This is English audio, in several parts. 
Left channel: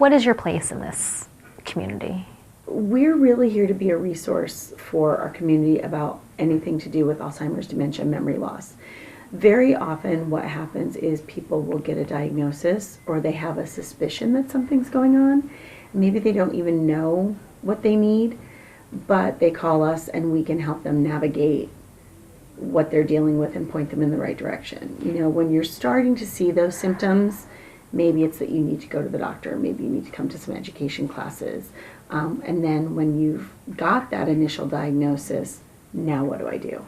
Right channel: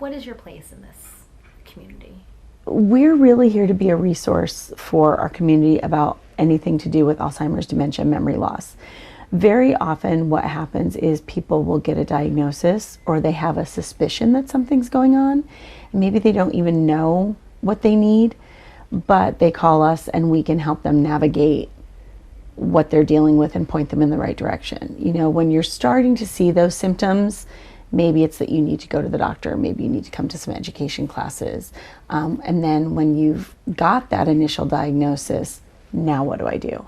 what is your place in this community? We're really here to be a resource for our community about anything to do with Alzheimer's, dementia, memory loss. Very often what happens is people will get a diagnosis or they have a suspicion that something's going on. Maybe they don't even know what they need, but they call us and we can help them navigate what they're dealing with and point them in the right direction. You know, when you're starting to see those symptoms, maybe it's that you need to go to the doctor, maybe you need to come to some education classes. And then when you've got that initial diagnosis, now what do I do?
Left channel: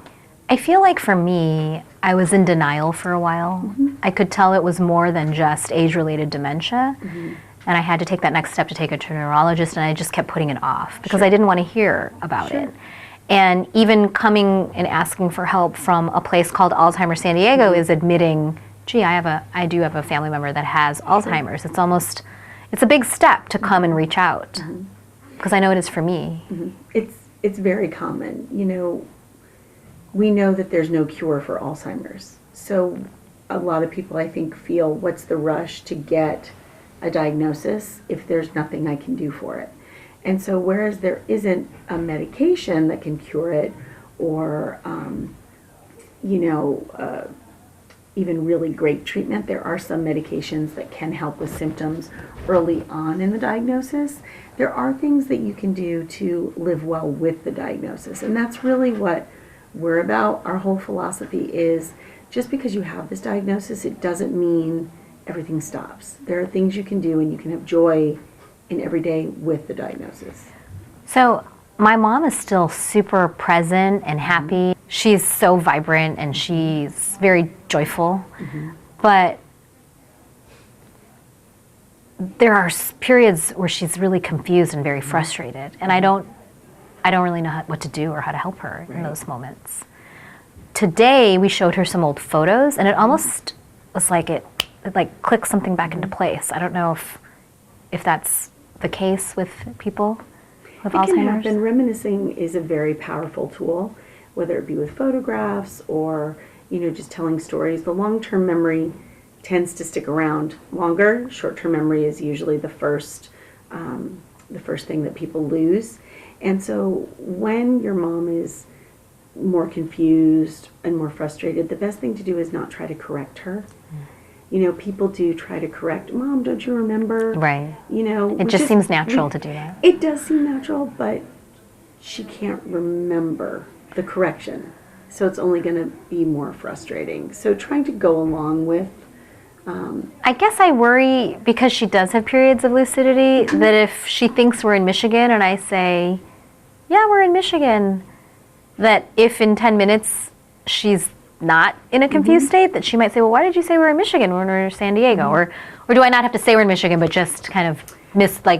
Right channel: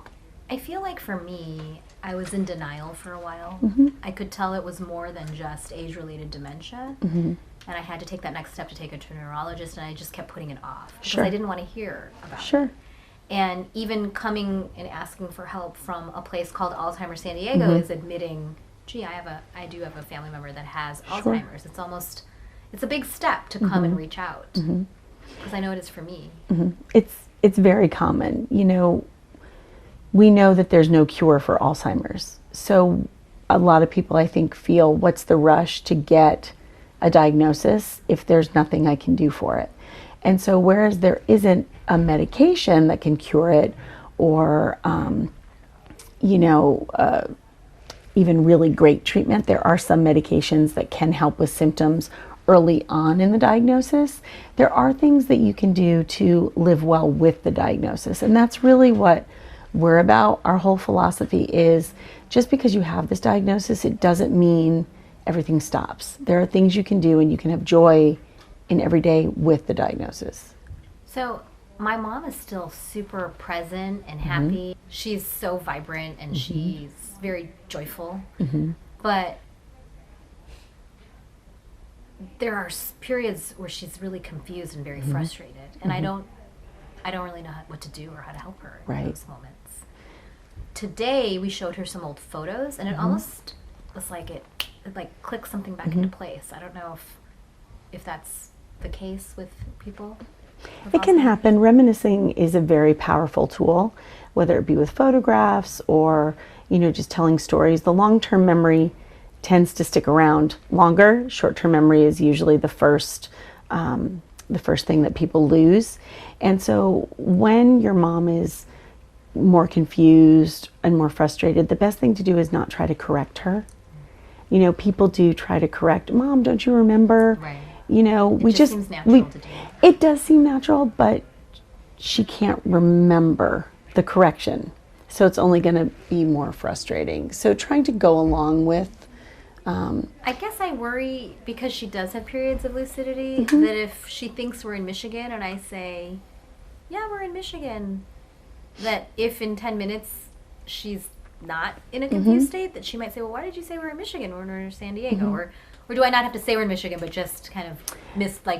I feel like for me, I was in denial for a while. I could tell it was more than just age-related dementia. And I had to take that next step to take it to a neurologist, and I just kept putting it off because I didn't want to hear about it. And even coming and asking for help from a place called Alzheimer's San Diego is admitting, gee, I do have a family member that has Alzheimer's. It's a big step to come and reach out because I know it is for me. It's very common. You know, we know that there's no cure for Alzheimer's. So a lot of people, I think, feel, what's the rush to get a diagnosis if there's nothing I can do for it? And so whereas there isn't a medication that can cure it or, even really great treatment, there are some medications that can help with symptoms early on in the diagnosis. There are things that you can do to live well with the diagnosis. And that's really what we're about. Our whole philosophy is just because you have this diagnosis, it doesn't mean everything stops. There are things you can do and you can have joy in every day with the diagnosis. So my mom is still super present and happy. She's so vibrant and she's very joyful. But there are periods where she's really confused and very frustrated. And I don't really know what to do or how to help her in those moments. Today we showed her some old photos and it almost was like it clicked something back into place. I don't know if that's the case with people with Alzheimer's. It can happen. Reminiscing is a very powerful tool, whether it be with photographs or, just telling stories. The long-term memory tends to stick around longer. Short-term memory is usually the first thing that people lose. And so when your mom is more confused and more frustrated, the best thing to do is not try to correct her. People do try to correct, Mom, don't you remember? Right. It just seems natural to do that. It does seem natural, but she can't remember the correction. So it's only going to be more frustrating. So trying to go along with... I guess I worry, because she does have periods of lucidity, that if she thinks we're in Michigan and I say, yeah, we're in Michigan, that if in 10 minutes she's not in a confused state, that she might say, well, why did you say we're in Michigan when we're in San Diego? Or do I not have to say we're in Michigan, but just kind of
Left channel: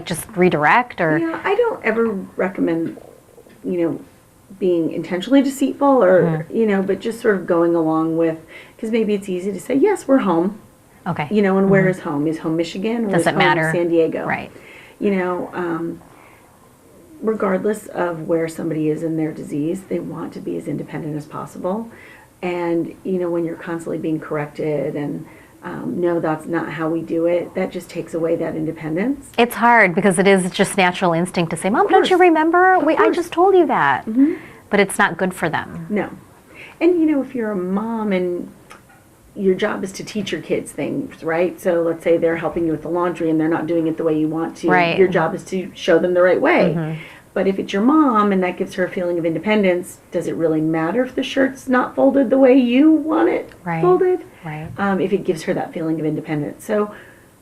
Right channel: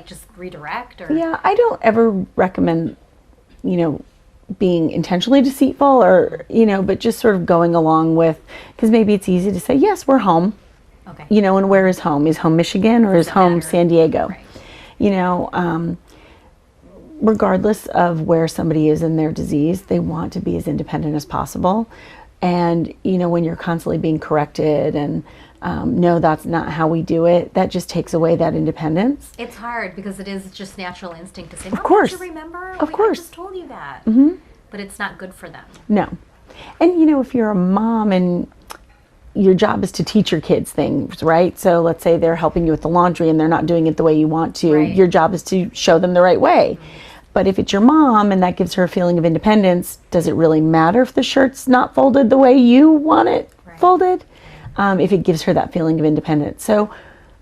just redirect? Or yeah, I don't ever recommend, being intentionally deceitful or, but just sort of going along with, because maybe it's easy to say, yes, we're home. Okay. And where is home? Is home Michigan or is home San Diego? Right. Regardless of where somebody is in their disease, they want to be as independent as possible. And, when you're constantly being corrected and, no, that's not how we do it, that just takes away that independence. It's hard because it is just natural instinct to say, Mom, don't you remember? I just told you that. But it's not good for them. No. And, if you're a mom and your job is to teach your kids things, right? So let's say they're helping you with the laundry and they're not doing it the way you want to. Right. Your job is to show them the right way. But if it's your mom and that gives her a feeling of independence, does it really matter if the shirt's not folded the way you want it folded? Right. If it gives her that feeling of independence. So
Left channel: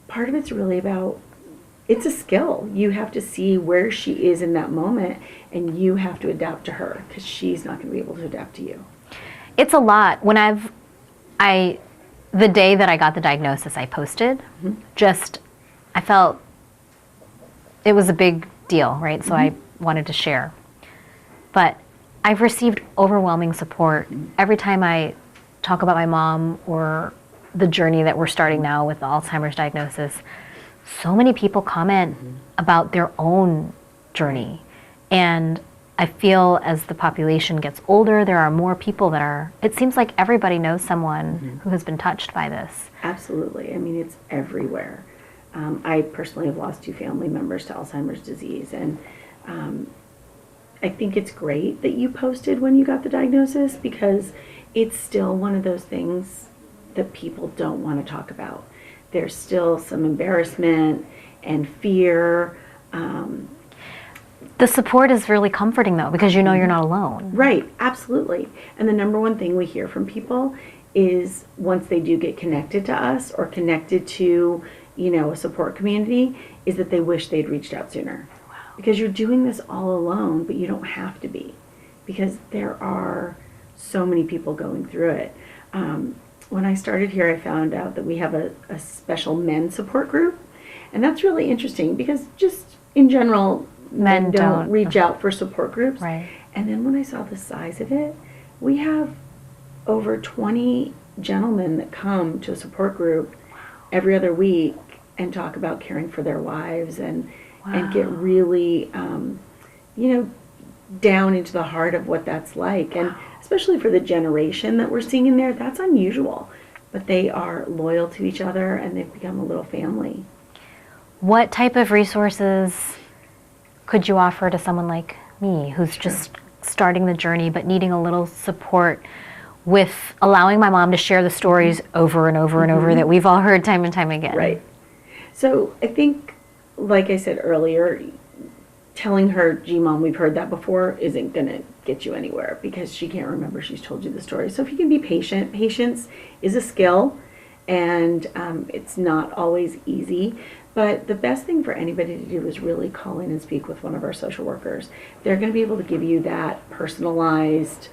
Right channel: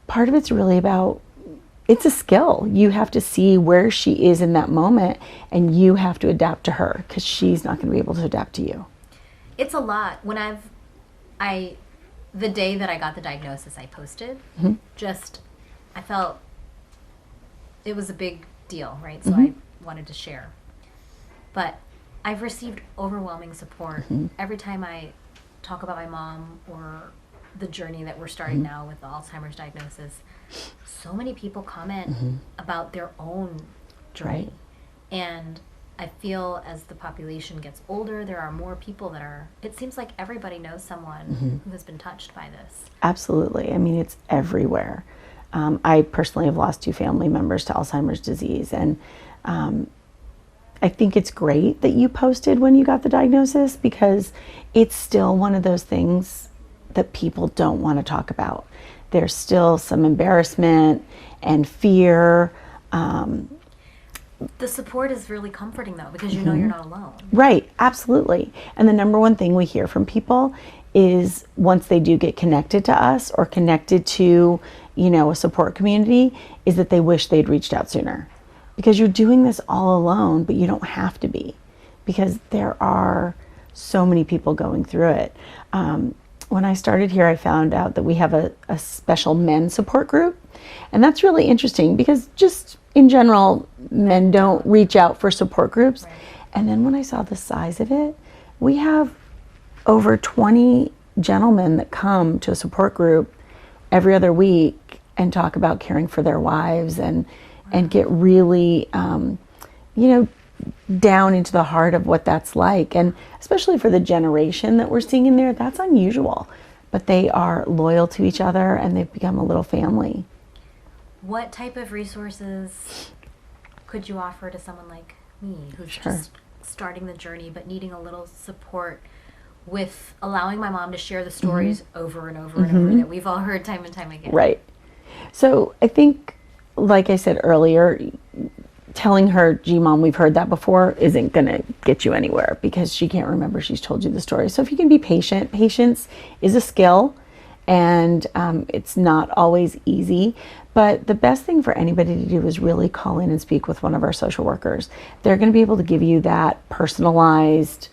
part of it's really about, it's a skill. You have to see where she is in that moment and you have to adapt to her because she's not going to be able to adapt to you. It's a lot. When the day that I got the diagnosis, I posted. I felt it was a big deal, right? So I wanted to share. But I've received overwhelming support every time I talk about my mom or the journey that we're starting now with the Alzheimer's diagnosis. So many people comment about their own journey. And I feel as the population gets older, there are more people it seems like everybody knows someone who has been touched by this. Absolutely. I mean, it's everywhere. I personally have lost 2 family members to Alzheimer's disease, and I think it's great that you posted when you got the diagnosis, because it's still one of those things that people don't want to talk about. There's still some embarrassment and fear. The support is really comforting, though, because you know you're not alone. Right, absolutely. And the number one thing we hear from people is, once they do get connected to us or connected to, a support community, is that they wish they'd reached out sooner. Wow. Because you're doing this all alone, but you don't have to be, because there are so many people going through it. When I started here, I found out that we have a special men's support group. And that's really interesting, because just in general, men don't reach out for support groups. Right. And then when I saw the size of it, we have over 20 gentlemen that come to a support group every other week and talk about caring for their wives, and get really, down into the heart of what that's like. And especially for the generation that we're seeing in there, that's unusual. But they are loyal to each other, and they've become a little family. What type of resources could you offer to someone like me, who's just starting the journey but needing a little support with allowing my mom to share the stories over and over and over that we've all heard time and time again? Right. So I think, like I said earlier, telling her, gee, Mom, we've heard that before, isn't going to get you anywhere, because she can't remember she's told you the story. So if you can be patient, patience is a skill, and it's not always easy. But the best thing for anybody to do is really call in and speak with one of our social workers. They're going to be able to give you that personalized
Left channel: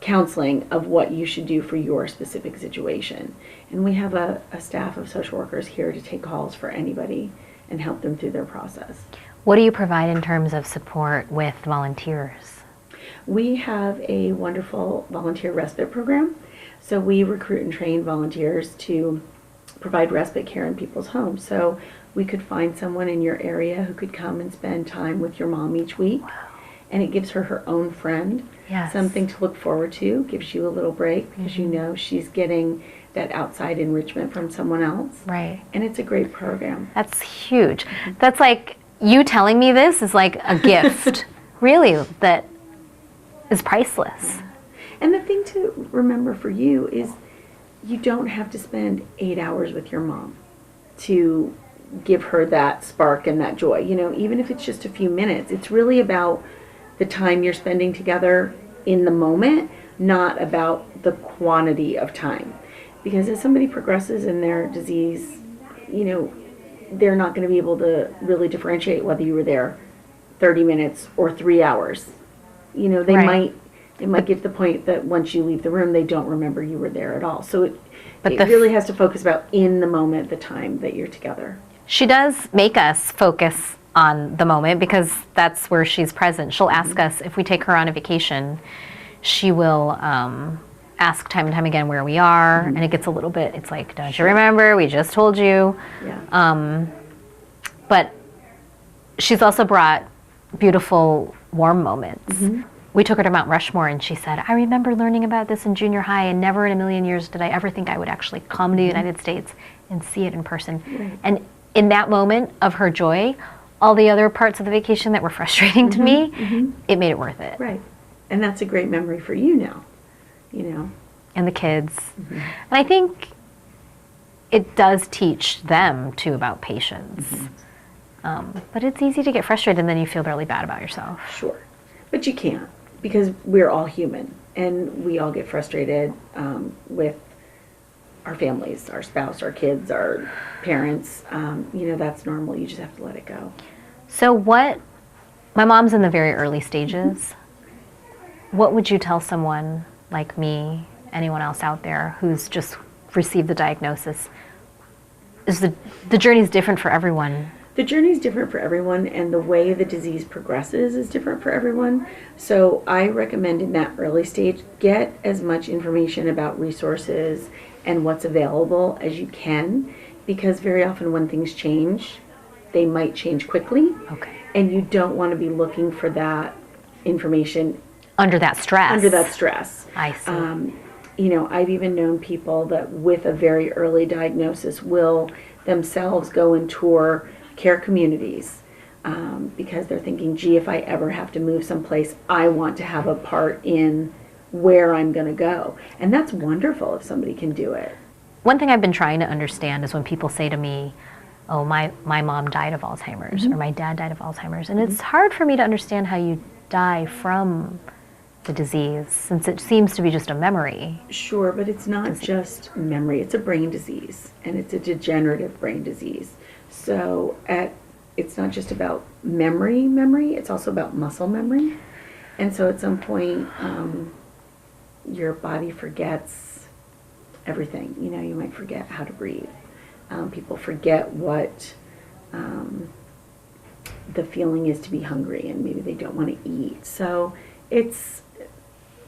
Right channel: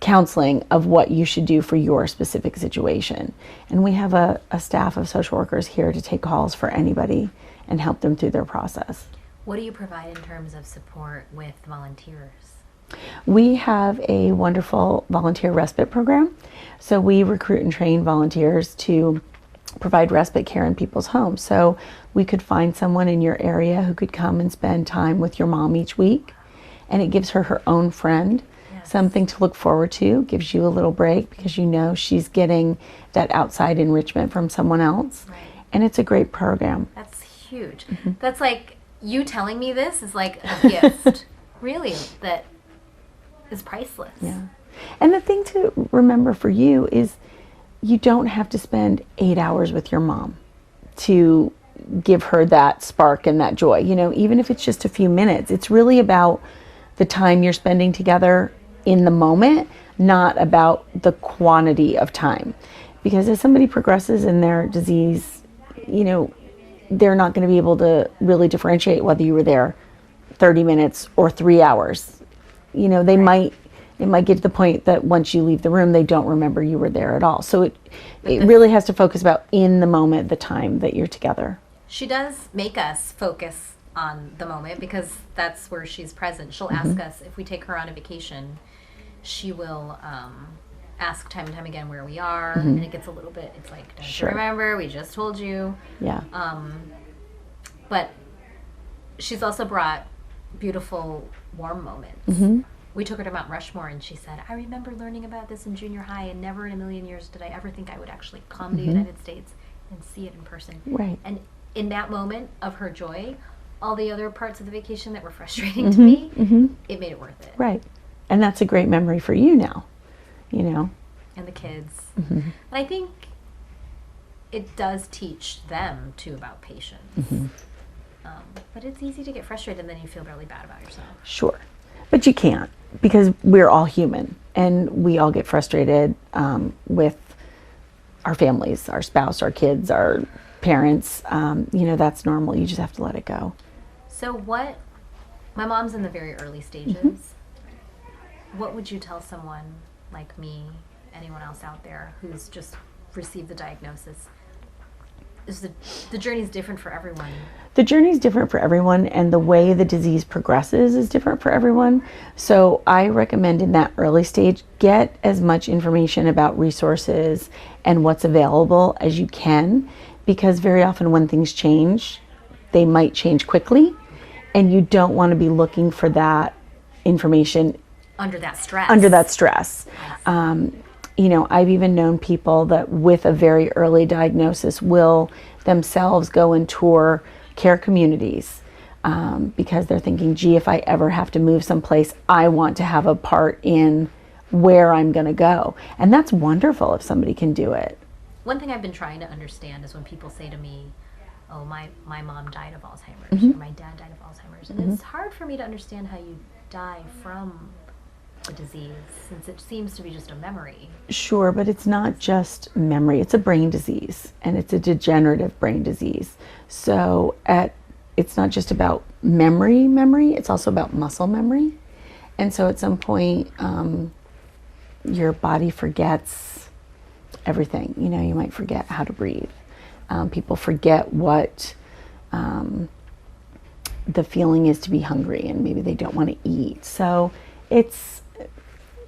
counseling of what you should do for your specific situation. And we have a staff of social workers here to take calls for anybody and help them through their process. What do you provide in terms of support with volunteers? We have a wonderful volunteer respite program. So we recruit and train volunteers to provide respite care in people's homes. So we could find someone in your area who could come and spend time with your mom each week. And it gives her her own friend, something to look forward to, gives you a little break, because you know she's getting that outside enrichment from someone else. Right. And it's a great program. That's huge. That's like, you telling me this is like a gift, really, that is priceless. Yeah. And the thing to remember for you is, you don't have to spend 8 hours with your mom to give her that spark and that joy. Even if it's just a few minutes, it's really about the time you're spending together in the moment, not about the quantity of time. Because as somebody progresses in their disease, they're not going to be able to really differentiate whether you were there 30 minutes or 3 hours. It might get to the point that once you leave the room, they don't remember you were there at all. So it really has to focus about in the moment, the time that you're together. She does make us focus on the moment, because that's where she's present. She'll ask us, if we take her on a vacation, she will ask time and time again where we are, and it gets a little bit, it's like, don't you remember? We just told you. Yeah. But she's also brought beautiful, warm moments. We took her to Mount Rushmore, and she said, I remember learning about this in junior high, and never in a million years did I ever think I would actually come to the United States and see it in person. Right. And in that moment of her joy, all the other parts of the vacation that were frustrating to me, it made it worth it. Right. And that's a great memory for you now, And the kids. And I think it does teach them, too, about patience. But it's easy to get frustrated, and then you feel really bad about yourself. Sure. But you can't, because we're all human, and we all get frustrated with our families, our spouse, our kids, our parents. That's normal. You just have to let it go. So my mom's in the very early stages. What would you tell someone like me, anyone else out there who's just received the diagnosis? Is the journey's different for everyone. The journey's different for everyone, and the way the disease progresses is different for everyone. So I recommend in that early stage, get as much information about resources and what's available as you can, because very often when things change, they might change quickly. Okay. And you don't want to be looking for that information under that stress. I see. I've even known people that with a very early diagnosis will themselves go and tour care communities because they're thinking, gee, if I ever have to move someplace, I want to have a part in where I'm going to go. And that's wonderful if somebody can do it. One thing I've been trying to understand is when people say to me, oh, my mom died of Alzheimer's, or my dad died of Alzheimer's. And it's hard for me to understand how you die from the disease, since it seems to be just a memory. Sure, but it's not just memory. It's a brain disease, and it's a degenerative brain disease. So it's not just about memory, it's also about muscle memory. And so at some point, your body forgets everything. You know, you might forget how to breathe. People forget what the feeling is to be hungry, and maybe they don't want to eat. So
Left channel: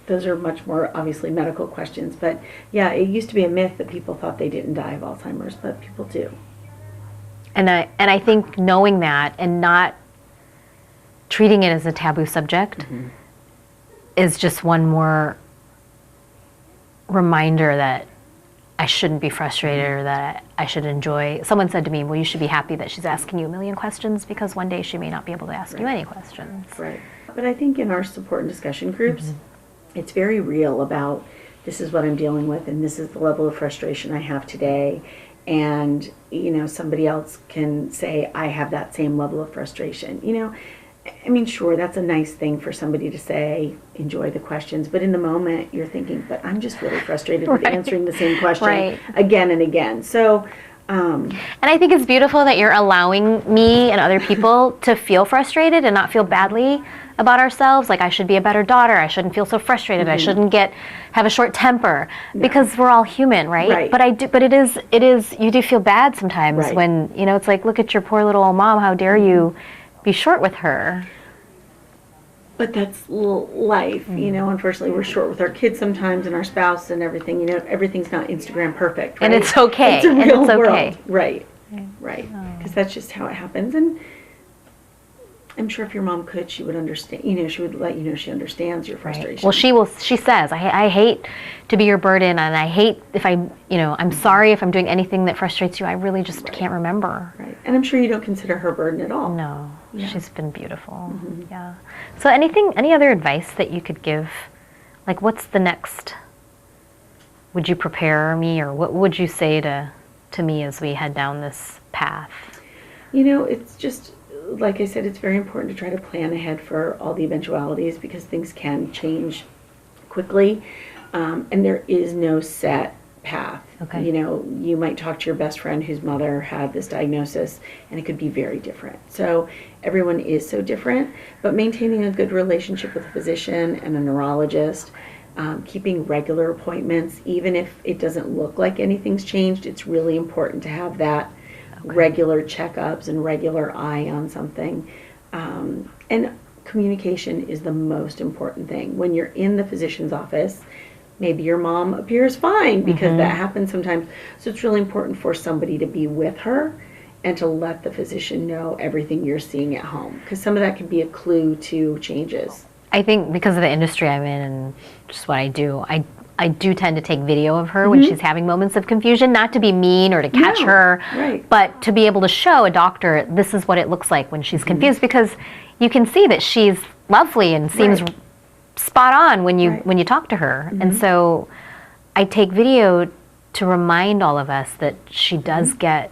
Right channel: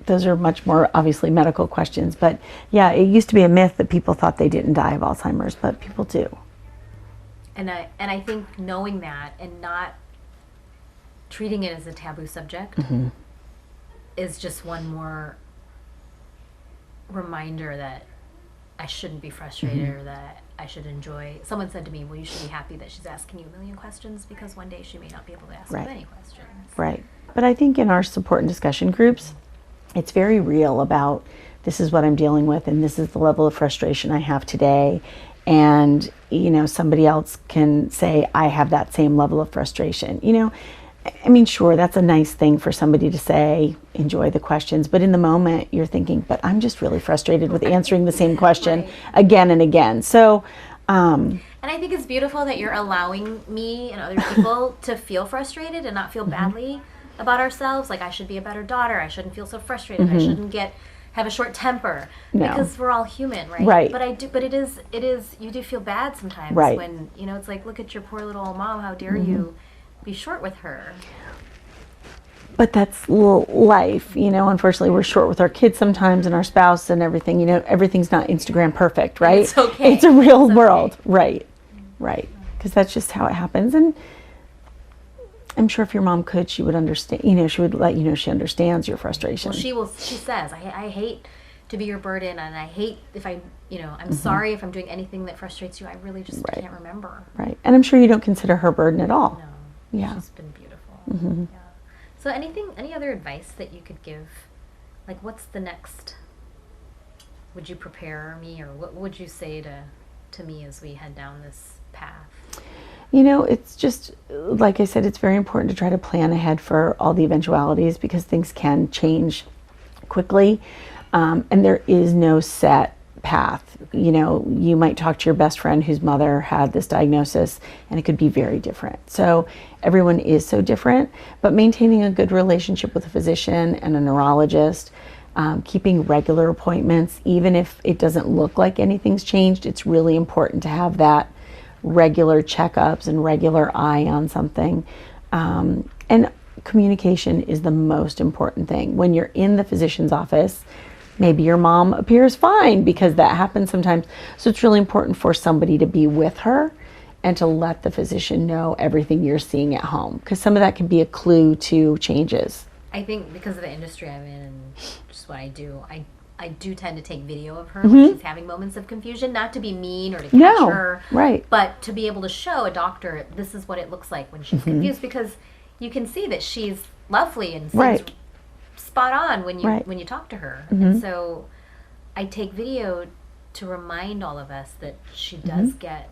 those are much more obviously medical questions. But yeah, it used to be a myth that people thought they didn't die of Alzheimer's, but people do. And I think knowing that and not treating it as a taboo subject is just one more reminder that I shouldn't be frustrated or that I should enjoy. Someone said to me, well, you should be happy that she's asking you a million questions, because one day she may not be able to ask you any questions. Right. But I think in our support and discussion groups, it's very real about, this is what I'm dealing with, and this is the level of frustration I have today. And, you know, somebody else can say, I have that same level of frustration. You know, I mean, sure, that's a nice thing for somebody to say, enjoy the questions. But in the moment, you're thinking, but I'm just really frustrated with answering the same question again and again. So, and I think it's beautiful that you're allowing me and other people to feel frustrated and not feel badly about ourselves. Like, I should be a better daughter. I shouldn't feel so frustrated. I shouldn't have a short temper, because we're all human, right? But it is, you do feel bad sometimes when, you know, it's like, look at your poor little old mom. How dare you be short with her? But that's life, you know. Unfortunately, we're short with our kids sometimes, and our spouse and everything. You know, everything's not Instagram perfect, right? And it's okay. It's a real world, right? Because that's just how it happens. And I'm sure if your mom could, she would understand. You know, she would let you know she understands your frustration. Well, she says, I hate to be your burden, and I hate if I'm sorry if I'm doing anything that frustrates you. I really just can't remember. Right. And I'm sure you don't consider her burden at all. No. She's been beautiful. Yeah. So any other advice that you could give? Like, what's the next? Would you prepare me, or what would you say to me as we head down this path? You know, it's just, like I said, it's very important to try to plan ahead for all the eventualities, because things can change quickly, and there is no set path. You know, you might talk to your best friend whose mother had this diagnosis, and it could be very different. So everyone is so different, but maintaining a good relationship with a physician and a neurologist, keeping regular appointments, even if it doesn't look like anything's changed, it's really important to have that regular checkups and regular eye on something. And communication is the most important thing. When you're in the physician's office, maybe your mom appears fine, because that happens sometimes. So it's really important for somebody to be with her and to let the physician know everything you're seeing at home, because some of that can be a clue to changes. I think because of the industry I'm in and just what I do, I do tend to take video of her when she's having moments of confusion, not to be mean or to catch her, but to be able to show a doctor, this is what it looks like when she's confused, because you can see that she's lovely and seems spot on when you talk to her. And so I take video to remind all of us that she does get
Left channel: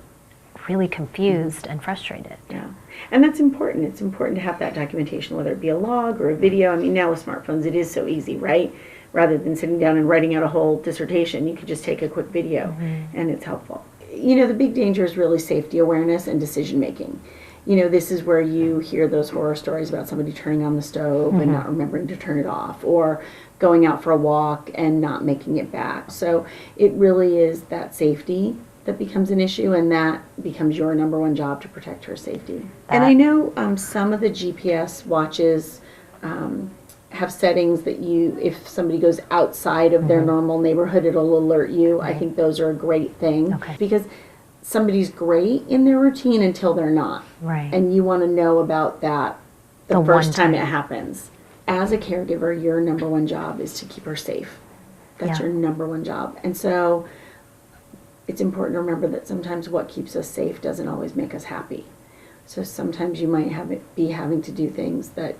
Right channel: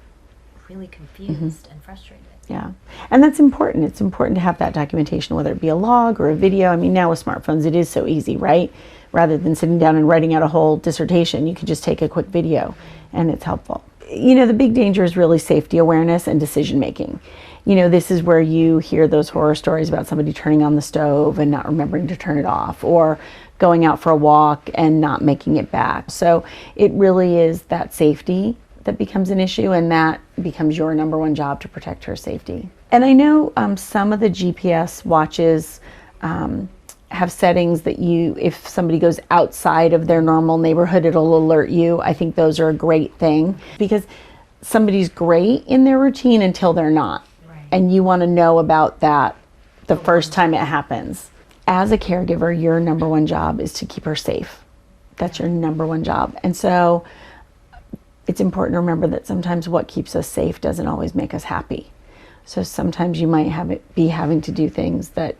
really confused and frustrated. Yeah. And that's important. It's important to have that documentation, whether it be a log or a video. I mean, now with smartphones, it is so easy, right? Rather than sitting down and writing out a whole dissertation, you could just take a quick video, and it's helpful. You know, the big danger is really safety awareness and decision making. You know, this is where you hear those horror stories about somebody turning on the stove and not remembering to turn it off, or going out for a walk and not making it back. So it really is that safety that becomes an issue, and that becomes your number one job, to protect her safety. And I know some of the GPS watches have settings that if somebody goes outside of their normal neighborhood, it'll alert you. I think those are a great thing, because somebody's great in their routine until they're not. And you want to know about that the first time it happens. As a caregiver, your number one job is to keep her safe. That's your number one job. And so it's important to remember that sometimes what keeps us safe doesn't always make us happy. So sometimes you might be having to do things that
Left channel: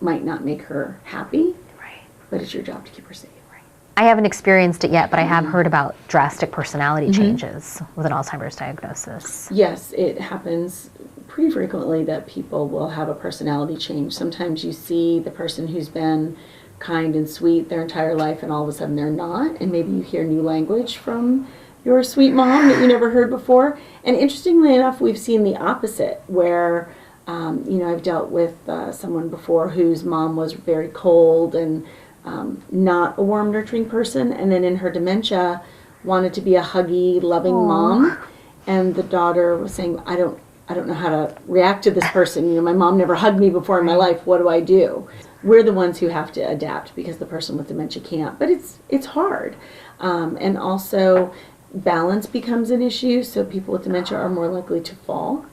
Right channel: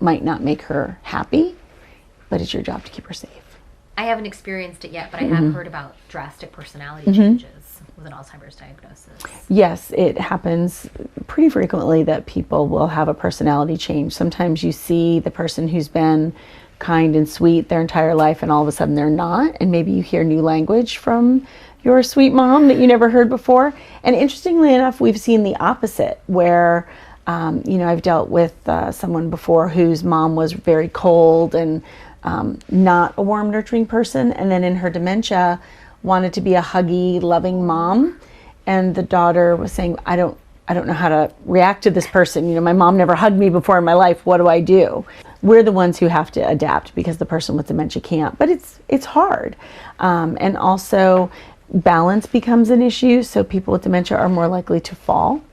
might not make her happy, but it's your job to keep her safe. I haven't experienced it yet, but I have heard about drastic personality changes with an Alzheimer's diagnosis. Yes, it happens pretty frequently that people will have a personality change. Sometimes you see the person who's been kind and sweet their entire life and all of a sudden they're not, and maybe you hear new language from your sweet mom that you never heard before. And interestingly enough, we've seen the opposite where, I've dealt with someone before whose mom was very cold and not a warm, nurturing person, and then in her dementia wanted to be a huggy, loving mom. And the daughter was saying, I don't know how to react to this person. My mom never hugged me before in my life. What do I do? We're the ones who have to adapt because the person with dementia can't. But it's hard. And also balance becomes an issue. So people with dementia are more likely to fall.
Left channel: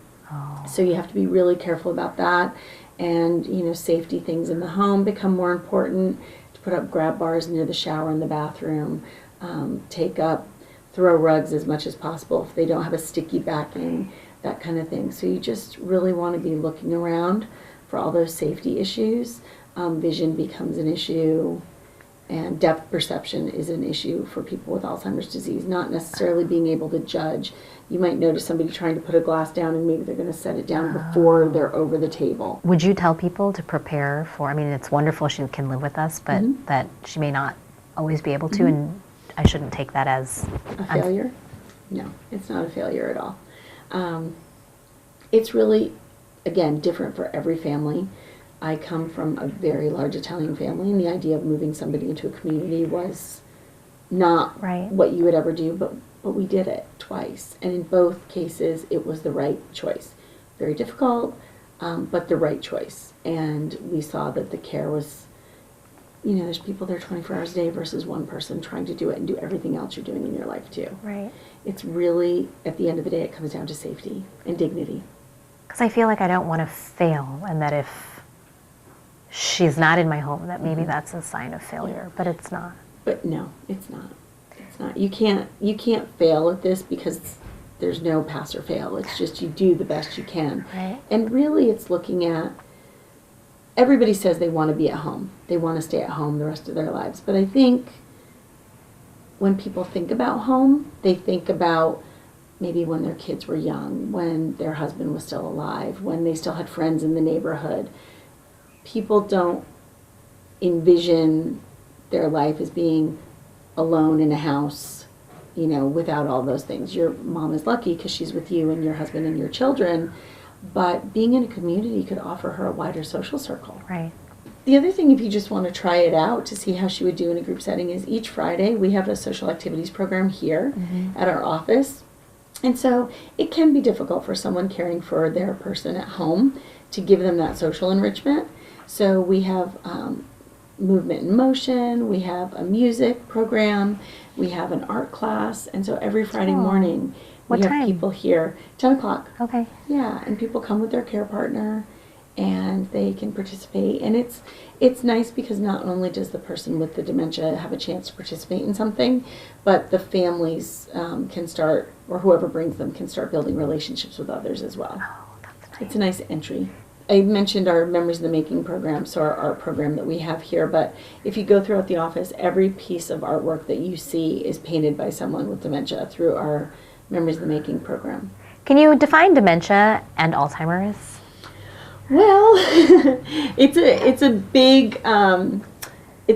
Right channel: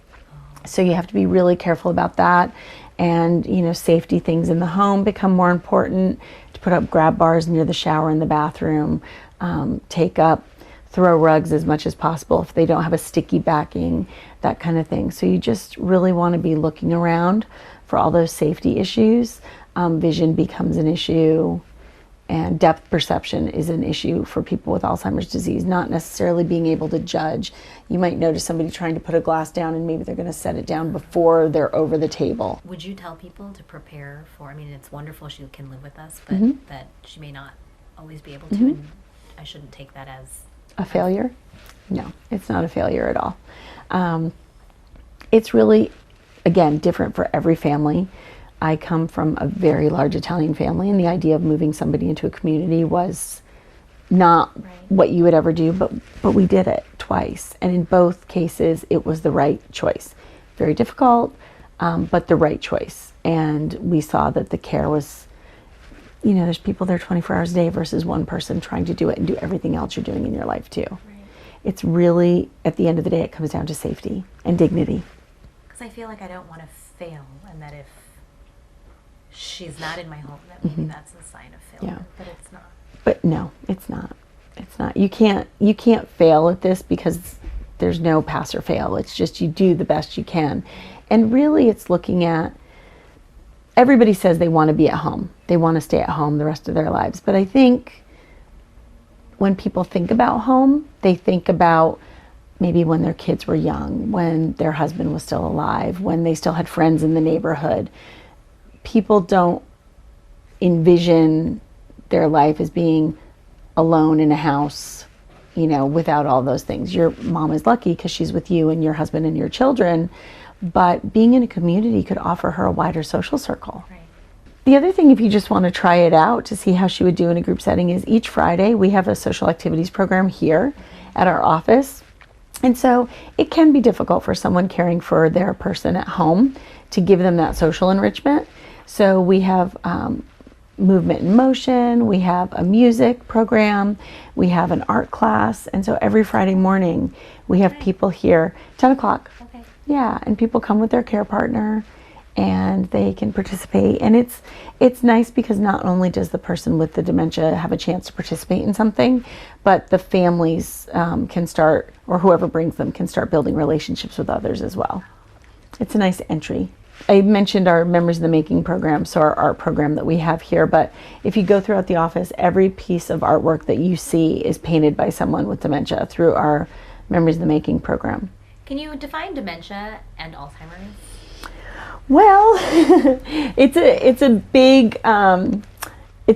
So you have to be really careful about that. And, safety things in the home become more important. To put up grab bars near the shower in the bathroom, throw rugs as much as possible if they don't have a sticky backing, that kind of thing. So you just really want to be looking around for all those safety issues. Vision becomes an issue, and depth perception is an issue for people with Alzheimer's disease, not necessarily being able to judge. You might notice somebody trying to put a glass down and maybe they're going to set it down before they're over the table. Would you tell people to prepare for, it's wonderful she can live with us, but that she may not always be able to, and I shouldn't take that as a failure? No, it's not a failure at all. It's really, again, different for every family. I come from a very large Italian family, and the idea of moving somebody into a community was not what you would ever do, but we did it twice. And in both cases, it was the right choice. Very difficult, but the right choice. And we saw that the care was, there's people there 24 hours a day versus one person trying to do it and do everything else you're doing in your life too. Right. It's really, at the end of the day, it comes down to safety and dignity. Because I feel like I don't want to fail, and that if she's not in my home, that maybe that's a sign of failure, but it's not. But no, it's not. It's not. You can't fail at this because there's no pass or fail. It's just you do the best you can. Right. And really it's looking at, everybody says they want to be at home. They want to stay at home the rest of their lives. But I think when people think about home, they think about maybe when their kids were young, when their husband was still alive, when they still had friends in the neighborhood. People don't envision their life as being alone in a house, without all those things. Your mom is lucky because she's with you and your husband and your children, but being in a community could offer her a wider social circle. Right. The other thing, if you just want to try it out to see how she would do in a group setting, is each Friday we have a social activities program here at our office. And so it can be difficult for someone caring for their person at home to give them that social enrichment. So we have movement and motion, we have a music program, we have an art class, and so every Friday morning we What have time? people here, 10 o'clock. Okay. Yeah, and people come with their care partner and they can participate. And it's nice because not only does the person with the dementia have a chance to participate in something, but the families can start, or whoever brings them can start building relationships with others as well. It's a nice entry. I mentioned our Memories in the Making program, so our art program that we have here, but if you go throughout the office, every piece of artwork that you see is painted by someone with dementia through our Memories in the Making program. Can you define dementia and Alzheimer's? Well, it's a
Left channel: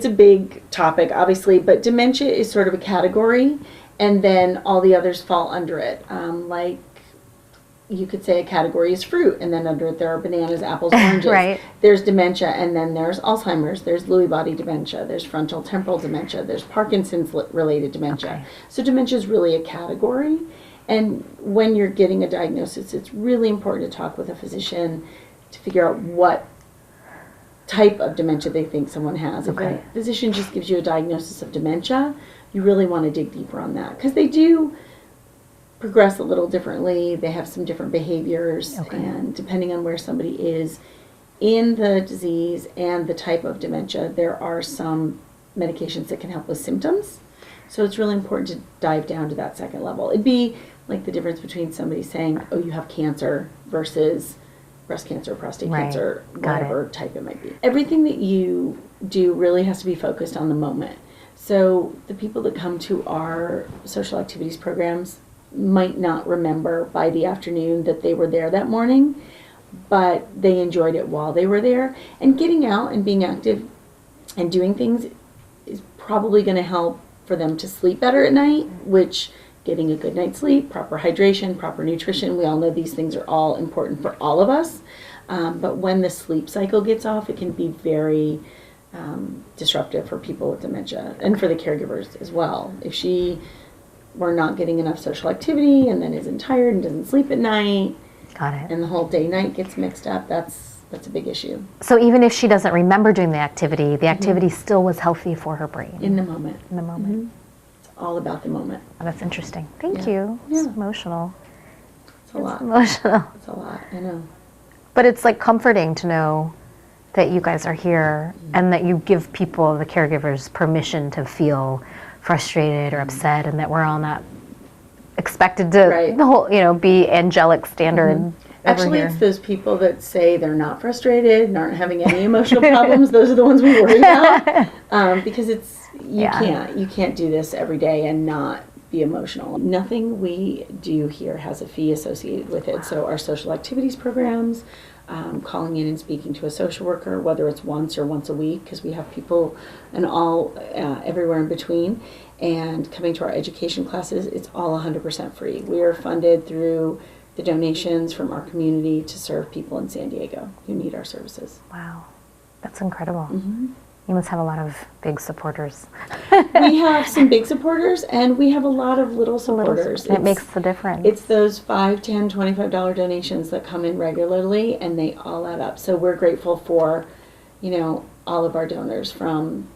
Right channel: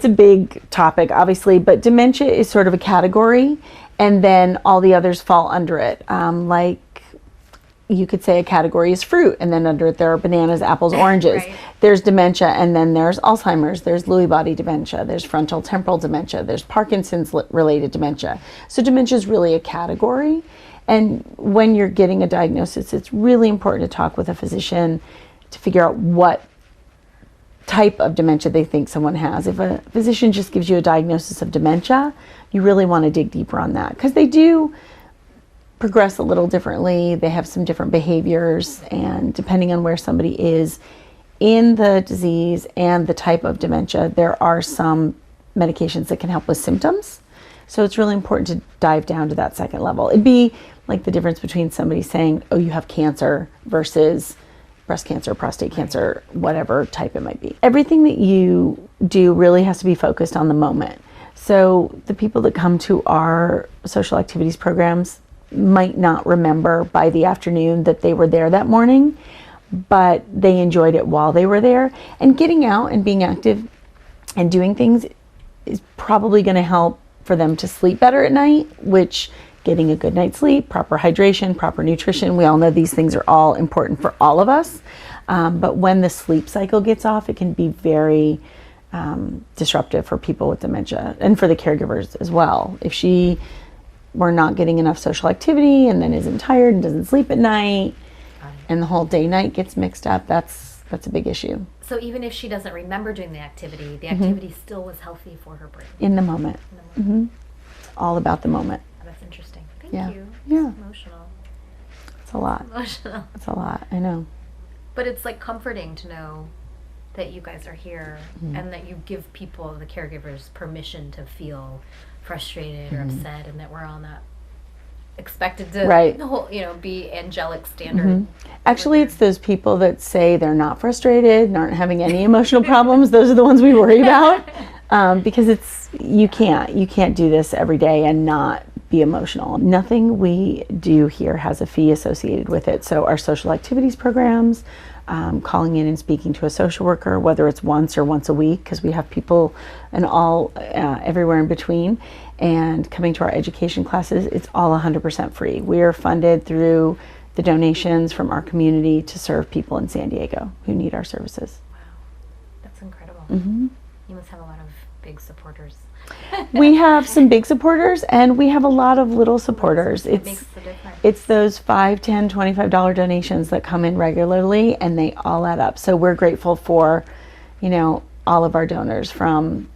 big topic, obviously, but dementia is sort of a category, and then all the others fall under it. Like you could say a category is fruit, and then under it there are bananas, apples, oranges. Right. There's dementia, and then there's Alzheimer's, there's Lewy body dementia, there's frontal temporal dementia, there's Parkinson's related dementia. Okay. So dementia is really a category, and when you're getting a diagnosis, it's really important to talk with a physician to figure out what type of dementia they think someone has. If a physician just gives you a diagnosis of dementia, you really want to dig deeper on that, because they do progress a little differently. They have some different behaviors, and depending on where somebody is in the disease and the type of dementia, there are some medications that can help with symptoms. So it's really important to dive down to that second level. It'd be like the difference between somebody saying, oh, you have cancer versus breast cancer, prostate Right. cancer, Got whatever type it might be. Everything that you do really has to be focused on the moment. So the people that come to our social activities programs might not remember by the afternoon that they were there that morning, but they enjoyed it while they were there. And getting out and being active and doing things is probably going to help for them to sleep better at night, which getting a good night's sleep, proper hydration, proper nutrition, we all know these things are all important for all of us. But when the sleep cycle gets off, it can be very disruptive for people with dementia and for the caregivers as well. If she were not getting enough social activity and then isn't tired and doesn't sleep at night, Got it. and the whole day-night gets mixed up, that's a big issue. So even if she doesn't remember doing the activity still was healthy for her brain. In the moment. In the moment. It's all about the moment. Oh, that's interesting. Thank Yeah. you. Yeah. It's emotional. It's a lot. Emotional. It's a lot, I know. But it's like comforting to know that you guys are here and that you give people, the caregivers, permission to feel frustrated or upset, and that we're all not expected to Right. the whole, be angelic standard. over Actually, here. it's those people that say they're not frustrated and aren't having any emotional problems. Those are the ones we worry about, because you can't do this every day and not be emotional. Nothing we do here has a fee associated with it. So our social activities programs, calling in and speaking to a social worker, whether it's once or once a week, because we have people and all everywhere in between, and coming to our education classes, it's all 100% free. We are funded through the donations from our community to serve people in San Diego who need our services. Wow, that's incredible. You must have a lot of big supporters. We have some big supporters and we have a lot of little supporters. It makes the difference. It's those $5, $10, $25 donations that come in regularly, and they all add up. So we're grateful for, all of our donors, from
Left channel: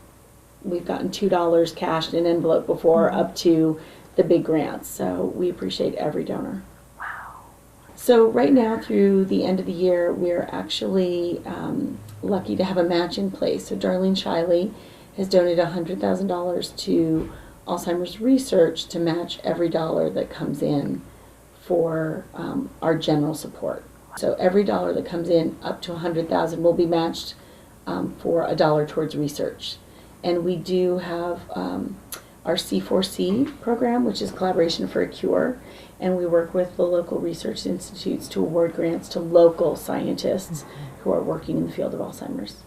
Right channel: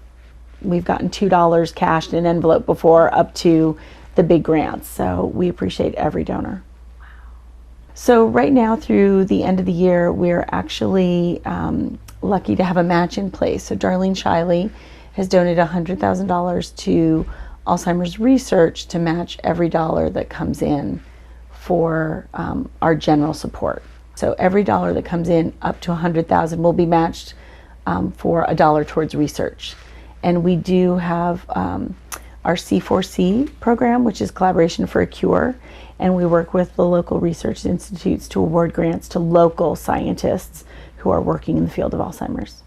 we've gotten $2 cashed in an envelope before up to the big grants. So we appreciate every donor. So right now, through the end of the year, we're actually lucky to have a match in place. So Darlene Shiley has donated $100,000 to Alzheimer's research to match every dollar that comes in for our general support. So every dollar that comes in up to $100,000 will be matched for $1 towards research. And we do have our C4C program, which is Collaboration for a Cure. And we work with the local research institutes to award grants to local scientists who are working in the field of Alzheimer's.